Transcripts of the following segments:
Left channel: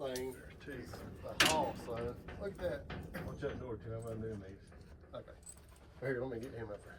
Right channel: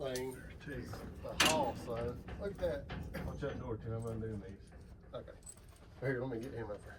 thing a haul, so look at that. Watch that door too. I'm undoing these. Okay. Here, let me get him up there.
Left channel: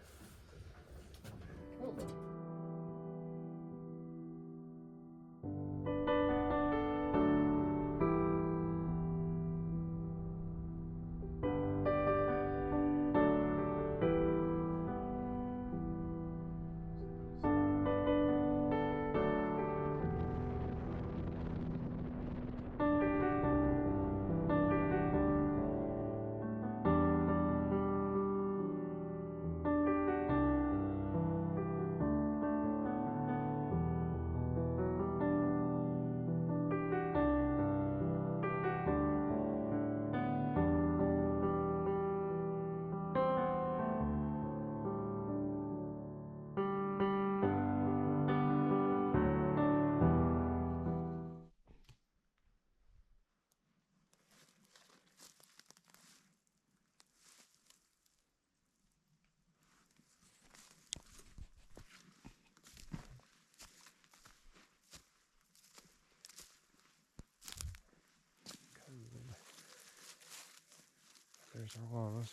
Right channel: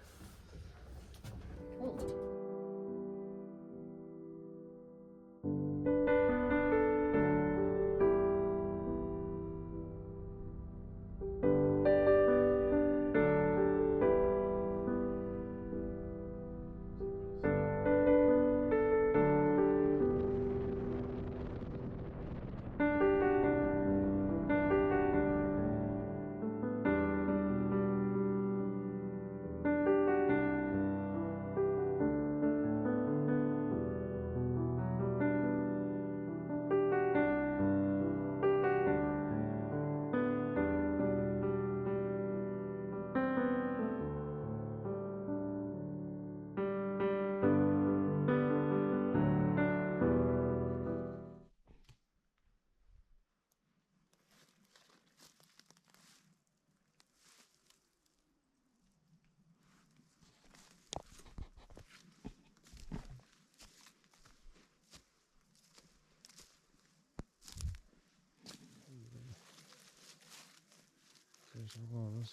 There's our llama.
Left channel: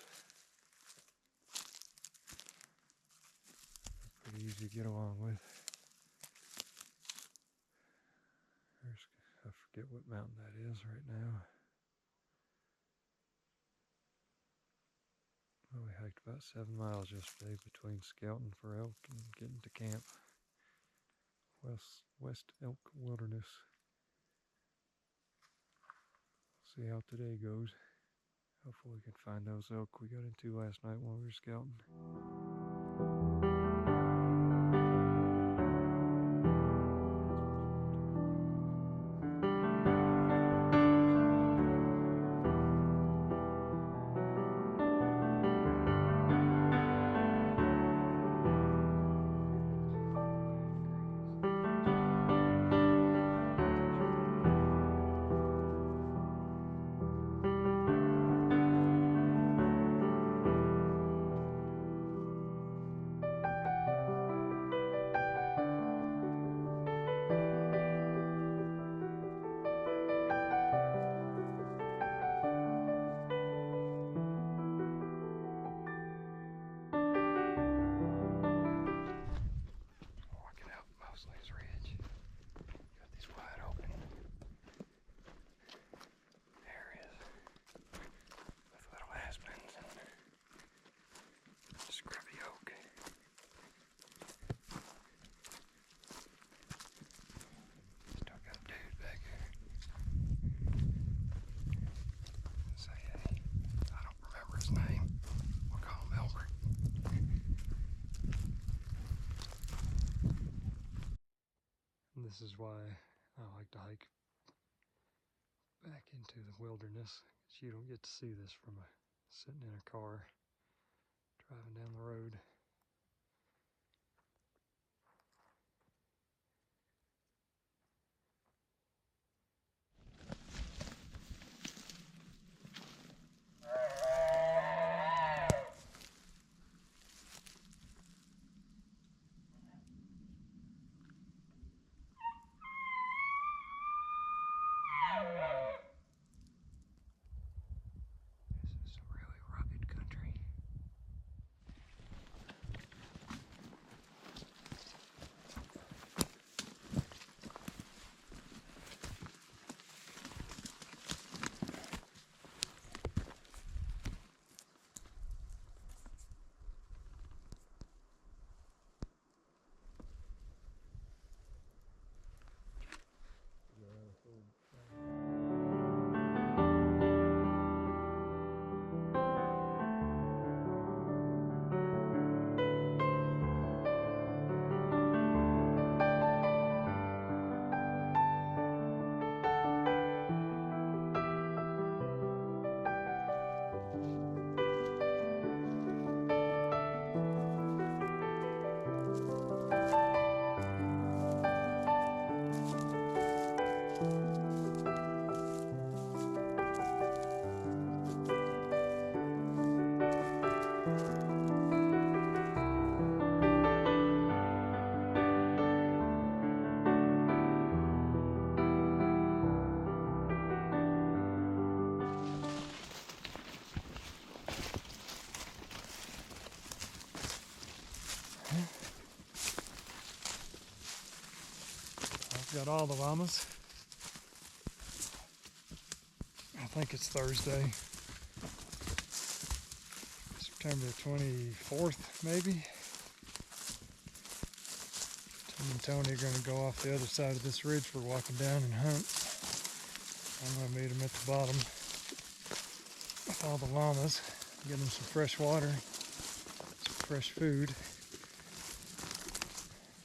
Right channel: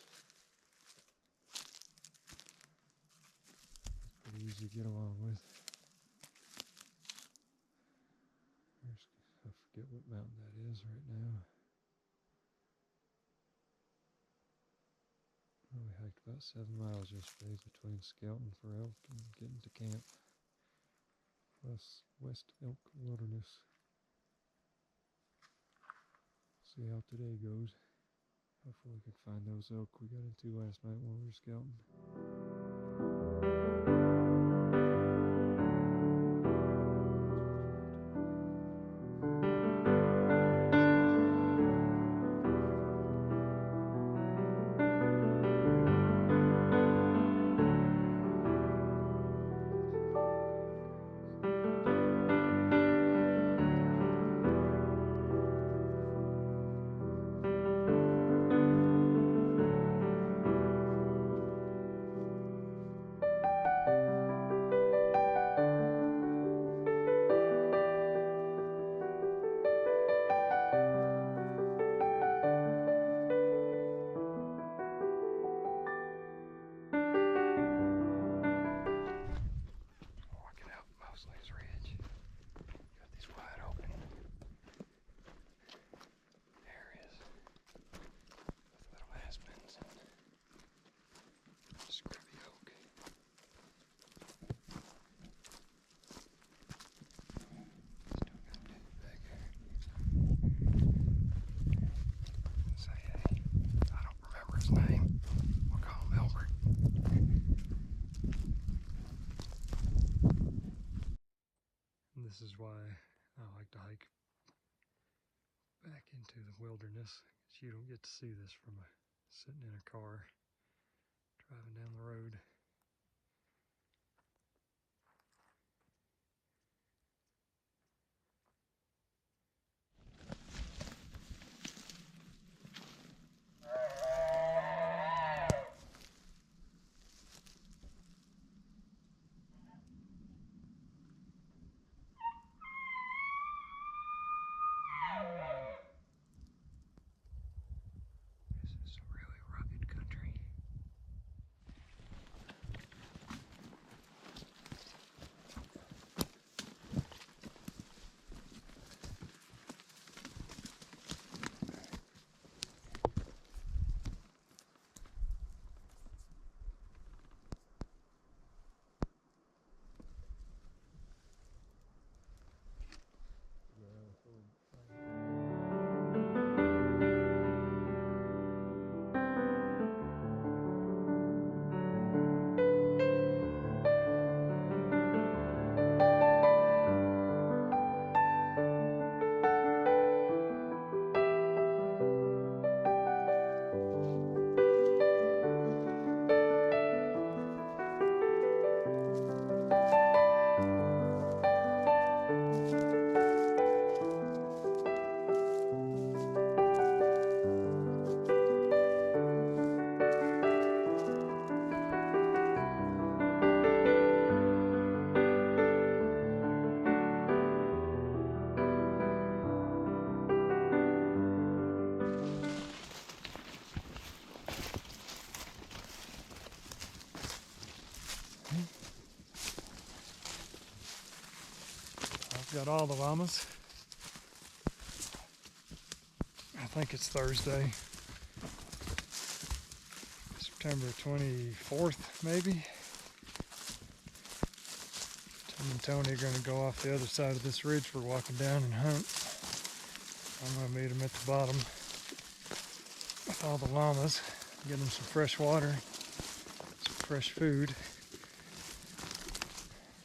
Pretty easy to get along with. I forget what mountain that is right now. Well, we hiked about 7 miles yesterday between scouting for elk and getting to camp. West Elk Wilderness. See how today goes. Hopefully we can find those elk we got into last night while we were scouting. Walking out Mosley Ridge. Got these wide open areas with little aspens and scrubby oak. Still got a dude back here. Say hey. I don't remember his name. We'll call him Albert. And this is why I like to hike back into the wilderness, because you don't get to see this from sitting in a car driving down the road. This is a really rugged country. got all the llamas. I think it's Thursday, September 24th, maybe. Tim and Tony are going to go off the other side of this ridge for walking down and hunt. I'm going to meet them at the bottom with all the llamas, get them some fresh water, some fresh food.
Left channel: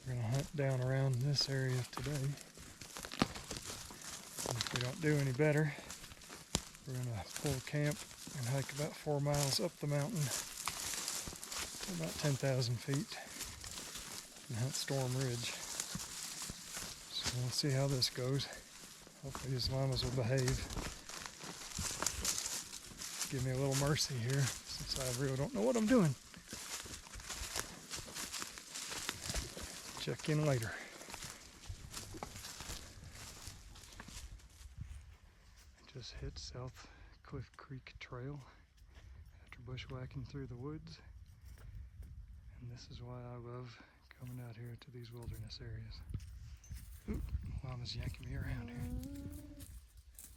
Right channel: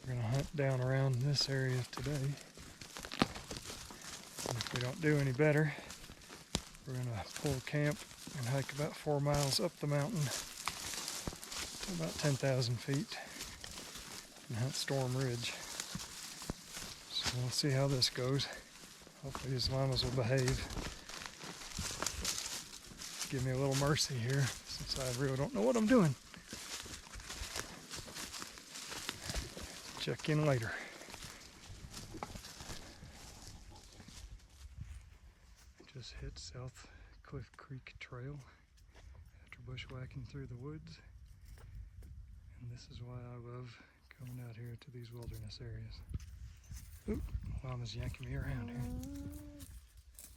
We're going to hunt down around this area today. And if we don't do any better, we're going to pull camp and hike about 4 miles up the mountain to about 10,000 feet and hunt Storm Ridge. So we'll see how this goes. Hopefully these llamas will behave. Give me a little mercy here since I really don't know what I'm doing. Check in later. Just hit South Cliff Creek Trail after bushwhacking through the woods. And this is why I love coming out here to these wilderness areas. Oop, llama's yanking me around here.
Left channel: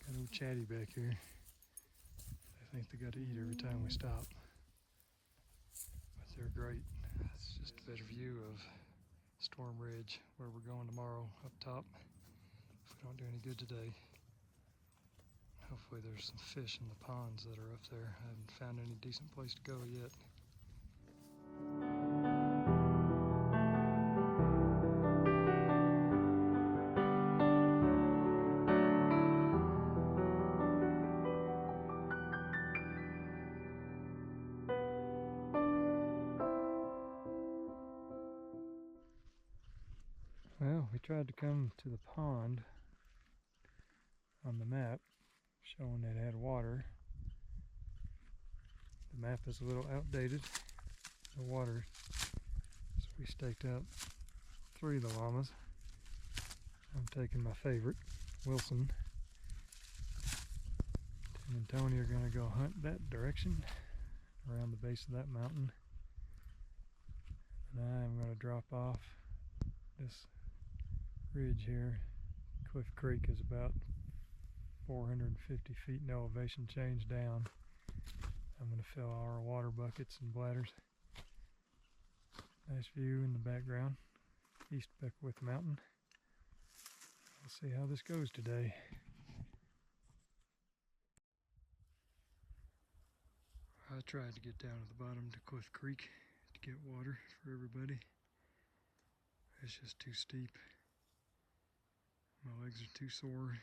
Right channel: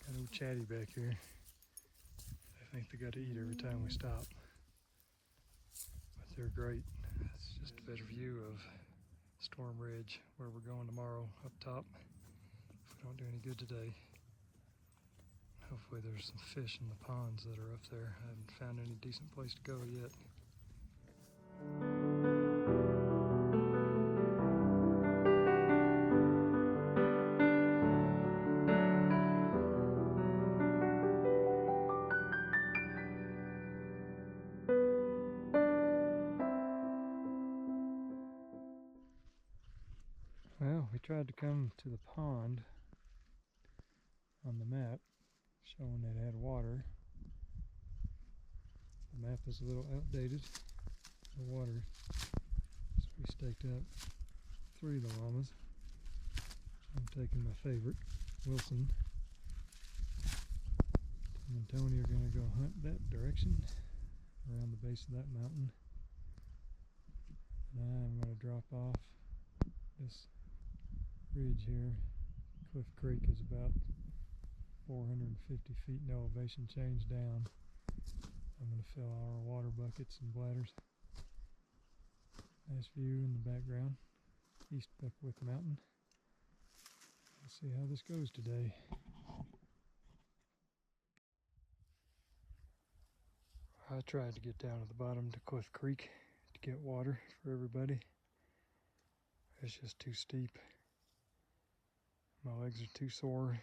Got old Chatty back here. They think they got to eat every time we stop. But they're great. It's just a better view of Storm Ridge, where we're going tomorrow, up top. If we don't do any good today. Hopefully there's some fish in the ponds that are up there. I haven't found any decent place to go yet. Well, we tried to come to the pond on the map, showing it had water. The map is a little outdated. The water. So we staked out 3 of the llamas. I'm taking my favorite, Wilson. Tim and Tony are going to go hunt that direction, around the base of that mountain. And I'm going to drop off this ridge here. Cliff Creek is about 450 feet in elevation change down. I'm going to fill our water buckets and bladders. Nice view in the background, East Beckwith Mountain. Let's see how this goes today. I tried to get down to the bottom to Cliff Creek to get water for everybody. It's just too steep. My legs are too sore,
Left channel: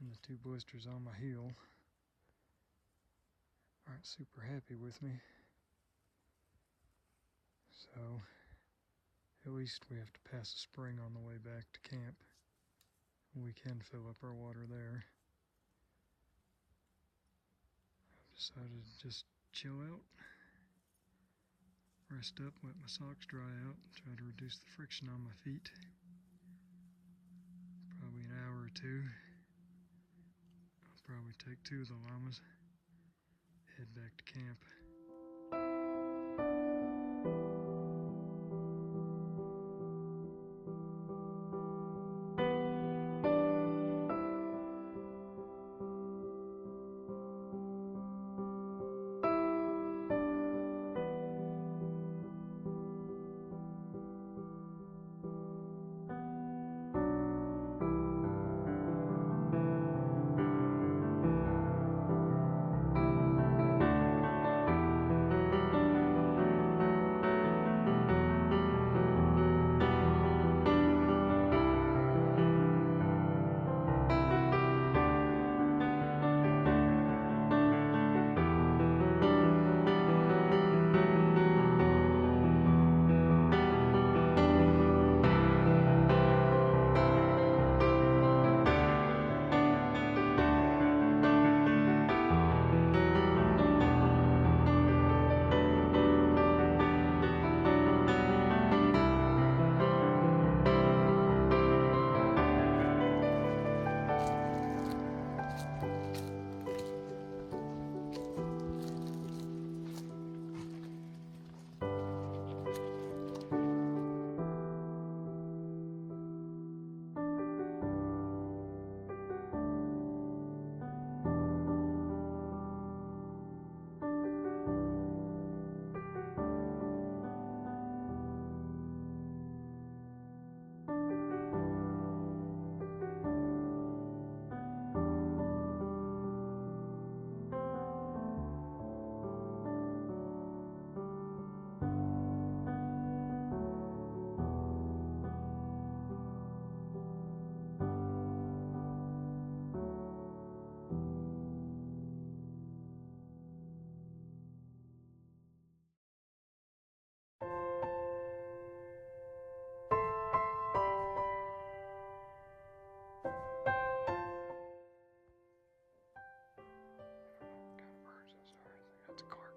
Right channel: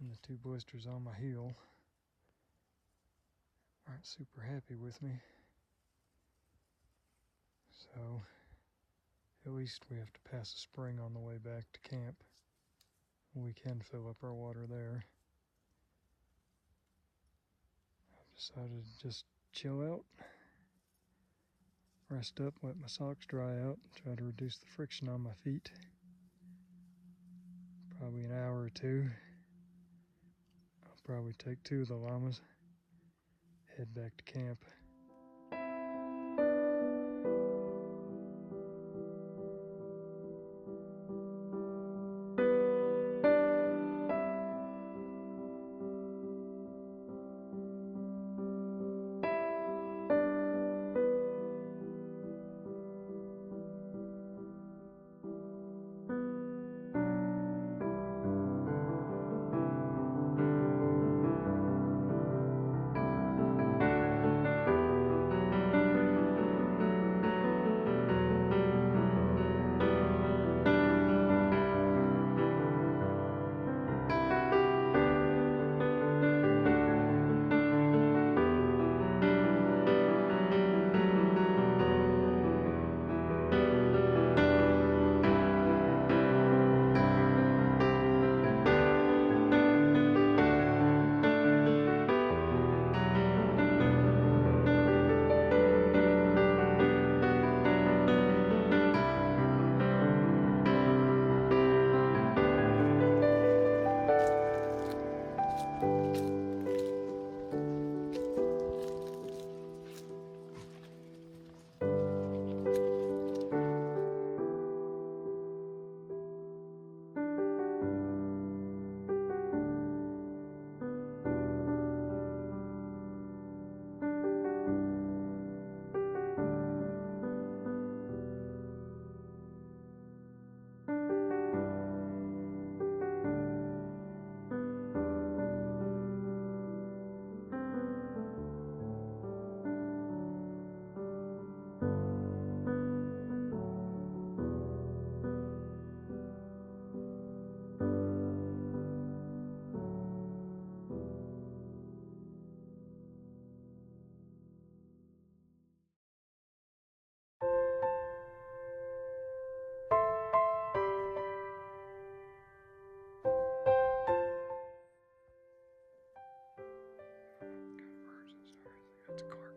and the 2 blisters on my heel aren't super happy with me. So at least we have to pass a spring on the way back to camp. We can fill up our water there. I've decided to just chill out, rest up, let my socks dry out, try to reduce the friction on my feet. Probably an hour or 2. I'll probably take 2 of the llamas, head back to camp.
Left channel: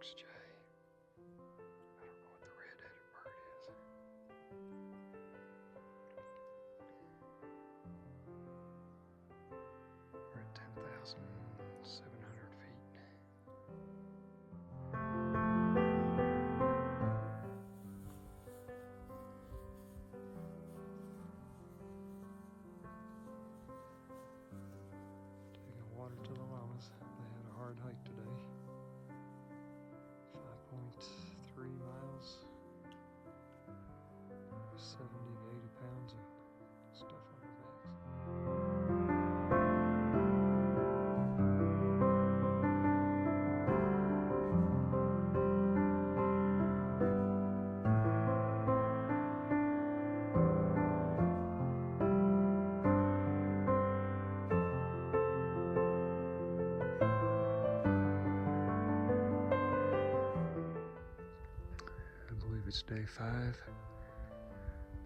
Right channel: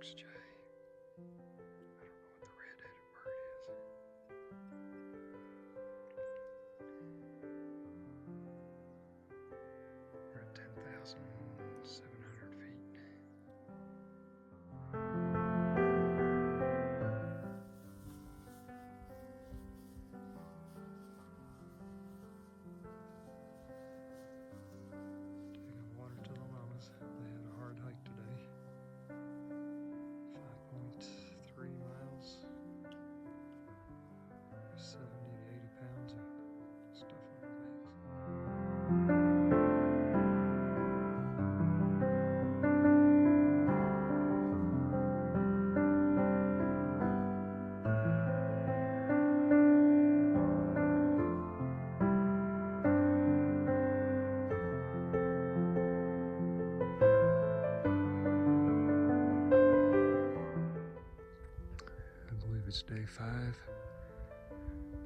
foxjay. I don't know what the red-headed bird is. We're at 10,700 feet. Taking water to the llamas. They had a hard hike today. 5.3 miles. 70 to 80 pounds of stuff on their backs. I believe it's day 5,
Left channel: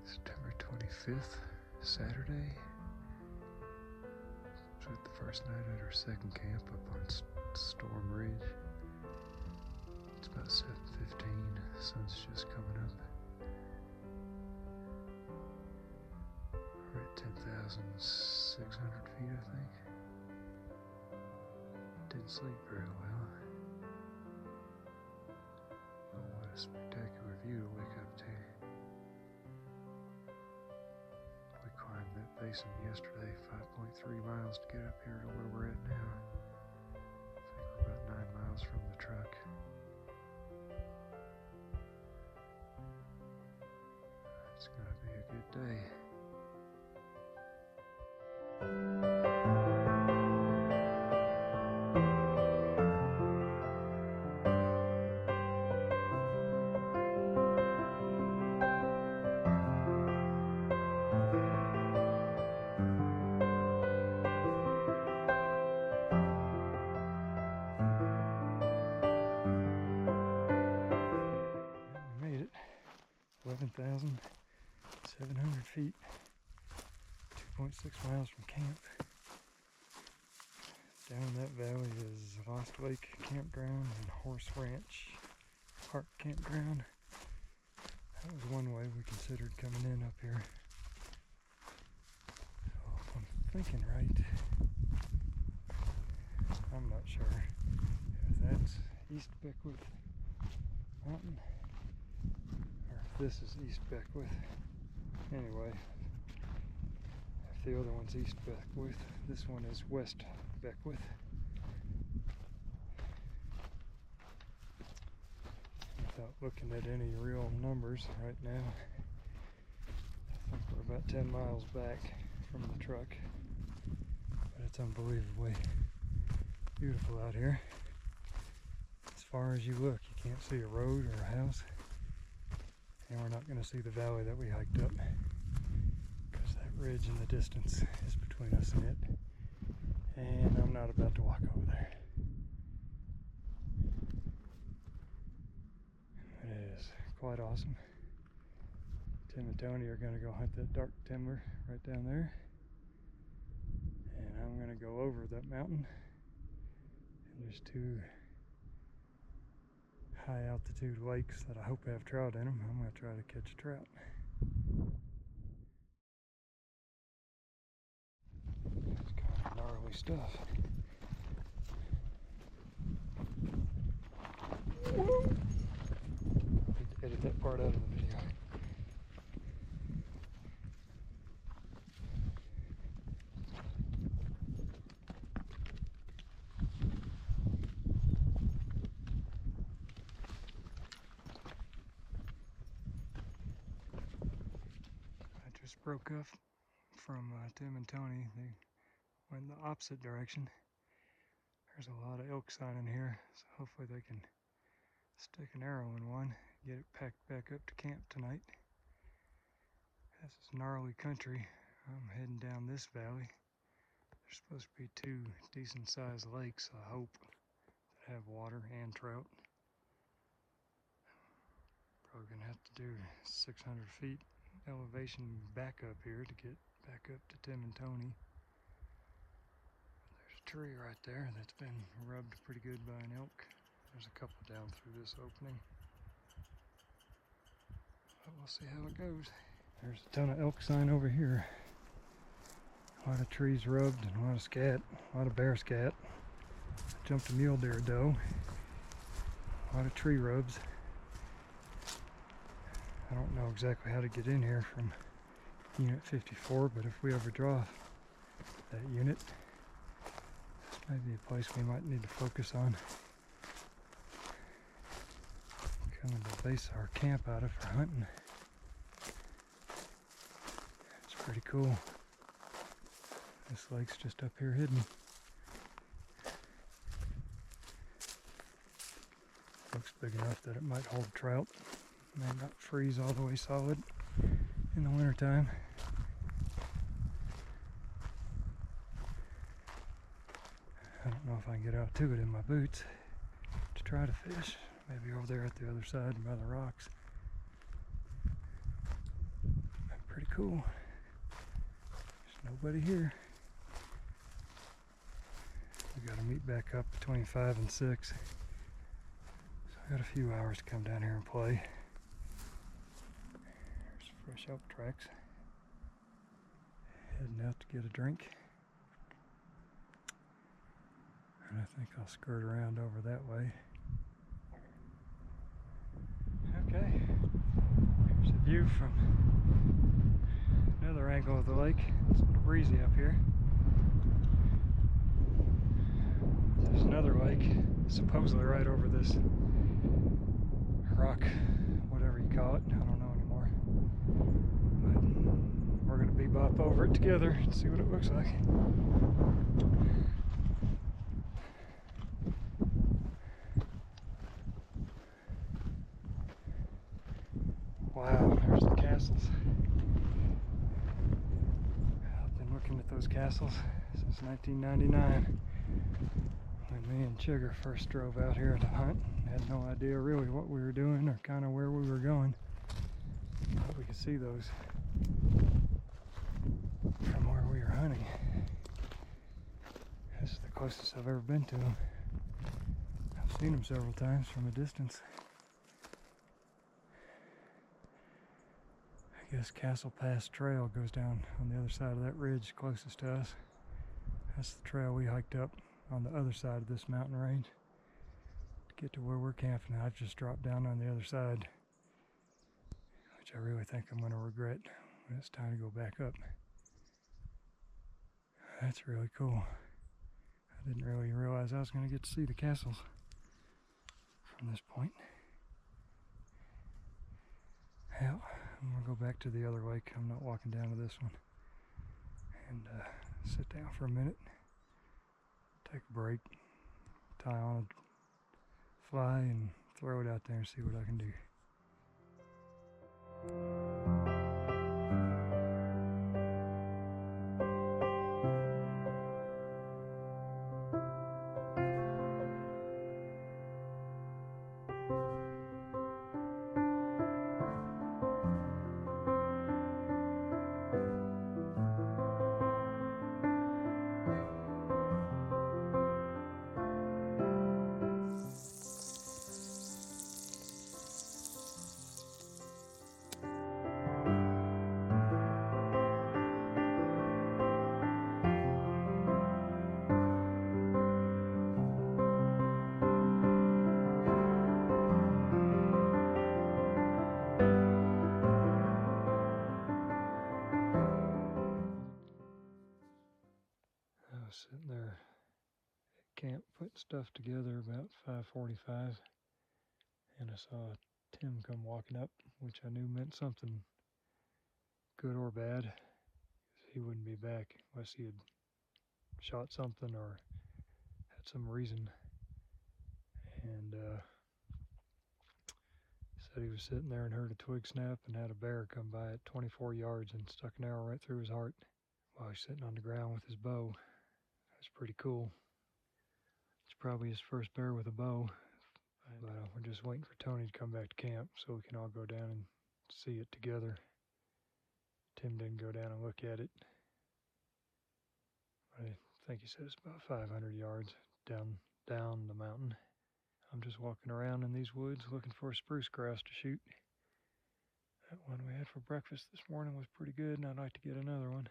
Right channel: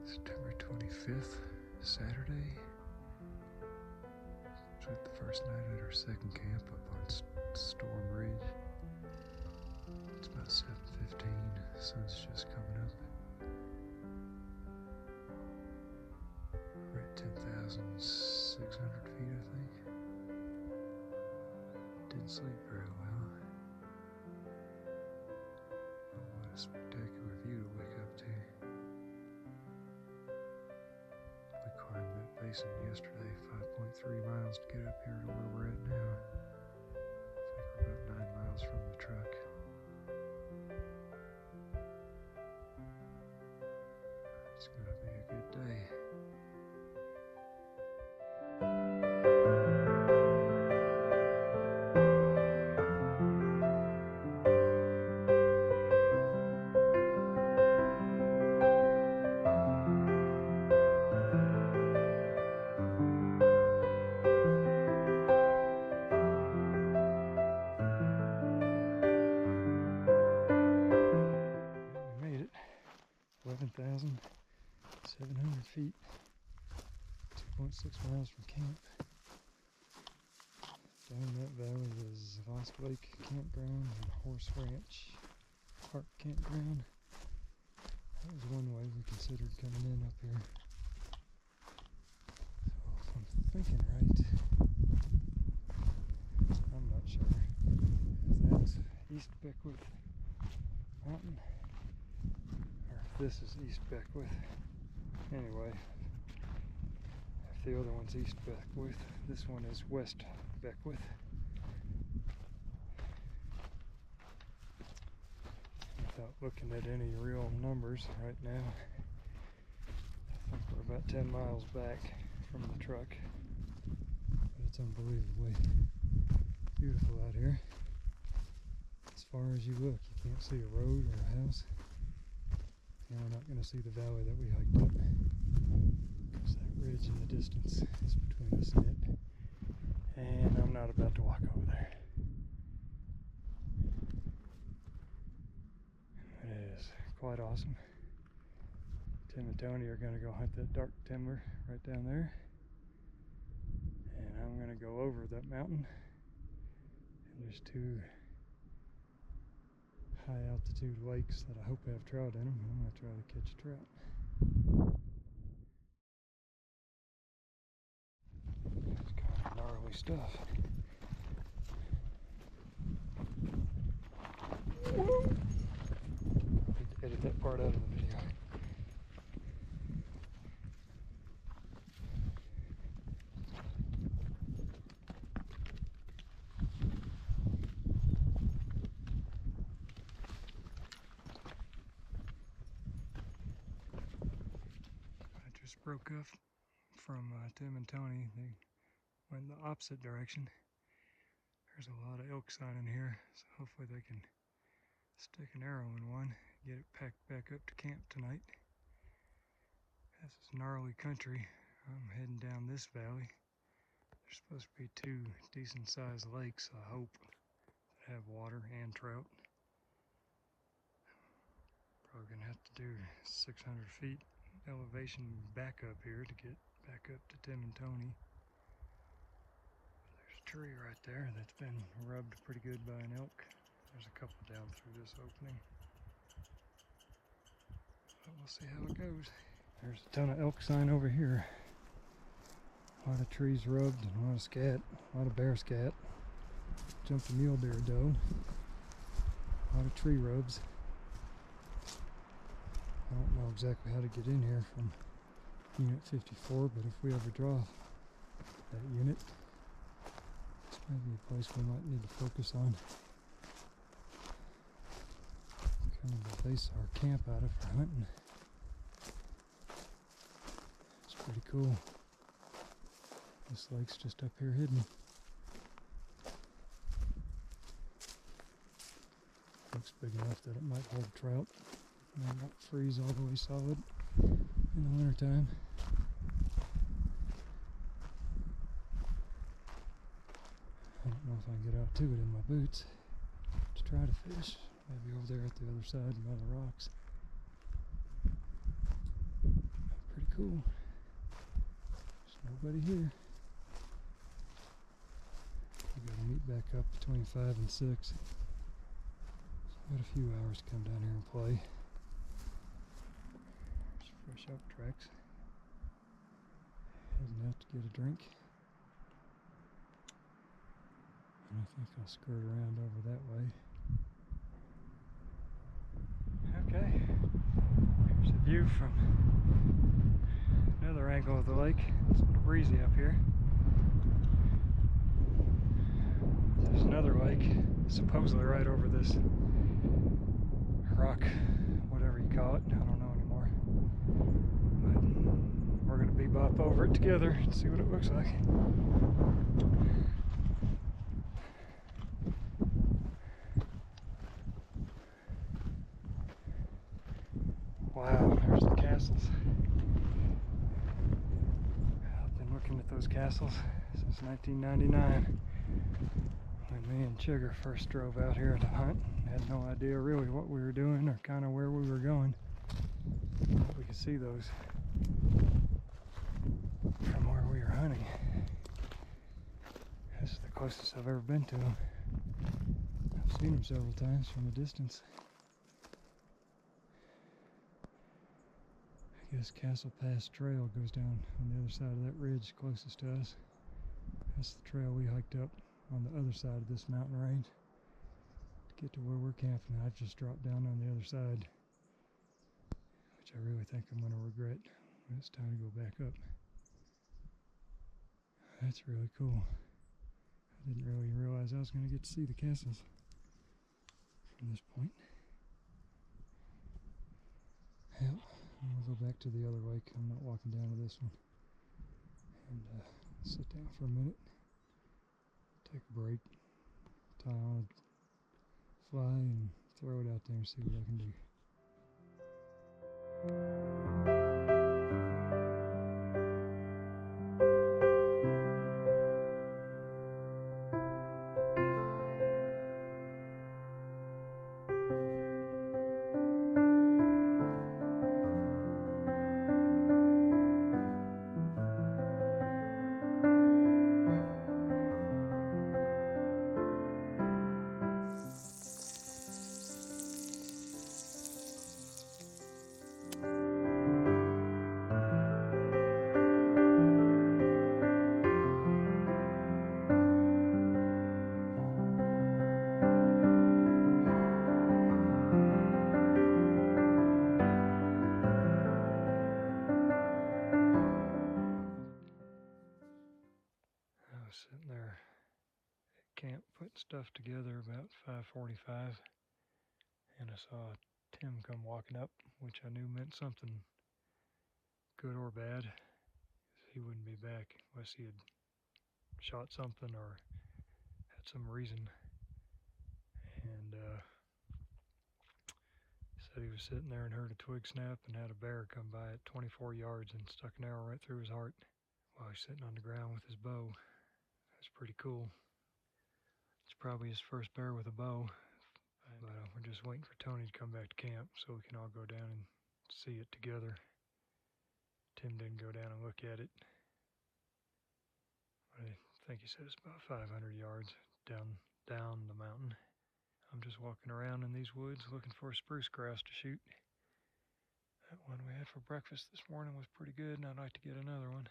September 25th, Saturday. It's the first night at our second camp up on Storm Ridge. It's about 7:15, sun's just coming up. We're at 10,600 feet, I think. Didn't sleep very well. Oh, what a spectacular view to wake up to. We climbed that basin yesterday, 5.3 miles to get up here to where we're at now. I think we're about 9 miles from the truck. It's gonna be a good day. We made it. 11,700 feet. 2.6 miles from camp. Down that valley is Lost Lake Campground and Horse Ranch Park Campground. That was one way we considered coming in up here. So if I'm thinking right, I'm not sure if that's East Beckwith Mountain or if this is East Beckwith. Anyway, if the other one's East Beckwith, this one is West Beckwith. Without looking at any real numbers right now, I think we're about 10 miles back from the truck. But it's unbelievably beautiful out here. As far as you look, you can't see a road or a house. And we're not going to see the valley that we hiked up, because that ridge in the distance is between us and it. And I'm not about to walk over there. It is quite awesome. Tim and Tony are going to go hunt that dark timber right down there. And I'm going to go over that mountain. And there's 2 high altitude lakes that I hope have trout in them. I'm going to try to catch a trout. It's kind of gnarly stuff. Need to edit that part out of the video. Broke up from Tim and Tony. They went the opposite direction. There's a lot of elk sign in here, so hopefully they can stick an arrow in one, get it packed back up to camp tonight. This is gnarly country. I'm heading down this valley. There's supposed to be 2 decent sized lakes, I hope, that have water and trout. Probably gonna have to do 600 feet elevation back up here to get back up to Tim and Tony. There's a tree right there that's been rubbed pretty good by an elk There's a couple down through this opening. But we'll see how it goes. There's a ton of elk sign over here. A lot of trees rubbed and a lot of scat, a lot of bear scat. Jumped a mule deer doe. A lot of tree rubs. I don't know exactly how to get in here from Unit 54, but if we ever draw that unit, maybe a place we might need to focus on. Kind of the base of our camp out of for hunting. It's pretty cool. This lake's just up here hidden. Looks big enough that it might hold trout. Might not freeze all the way solid in the wintertime. I don't know if I can get out to it in my boots to try to fish. Maybe over there at the other side by the rocks. Pretty cool. There's nobody here. We gotta meet back up between 5 and 6. Got a few hours to come down here and play. There's fresh elk tracks. Heading out to get a drink. And I think I'll skirt around over that way. Okay, here's a view from another angle of the lake. It's breezy up here. There's another lake, supposedly right over this rock, whatever you call it. I don't know anymore. But we're going to bebop over it together and see what it looks like. Wow, there's the castles. I've been looking at those castles since 1999. When me and Chigger first drove out here to hunt. Had no idea really what we were doing or kind of where we were going. But we could see those from where we were hunting. This is the closest I've ever been to them. I've seen them several times from a distance. I guess Castle Pass Trail goes down on the other side of that ridge closest to us. That's the trail we hiked up on the other side of this mountain range to get to where we're camping. I've just dropped down on the other side, which I really think I'm going to regret when it's time to go back up. That's really cool. I didn't really realize I was going to get to see the castles from this point. Hell, I'm going to go back to the other lake. I'm not walking down to this one. And sit down for a minute, take a break, tie on a fly, and throw it out there and see what I can do. Sitting there at camp putting stuff together about 5:45, and I saw Tim come walking up, which I knew meant something good or bad, 'cause he wouldn't be back unless he had shot something or had some reason. And said he was sitting there and heard a twig snap and had a bear come by at 24 yards and stuck an arrow right through his heart while he's sitting on the ground with his bow. That's pretty cool. It's probably his first bear with a bow. But we're just waiting for Tony to come back to camp so we can all go down and see it together. Tim didn't go down and look at it. I think he said it's about 500 yards down the mountain. I'm just walking around in these woods looking for a spruce grouse to shoot. That one we had for breakfast this morning was pretty good, and I'd like to get another one.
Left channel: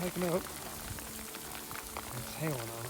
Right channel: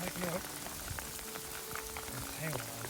Helping out. That's hell.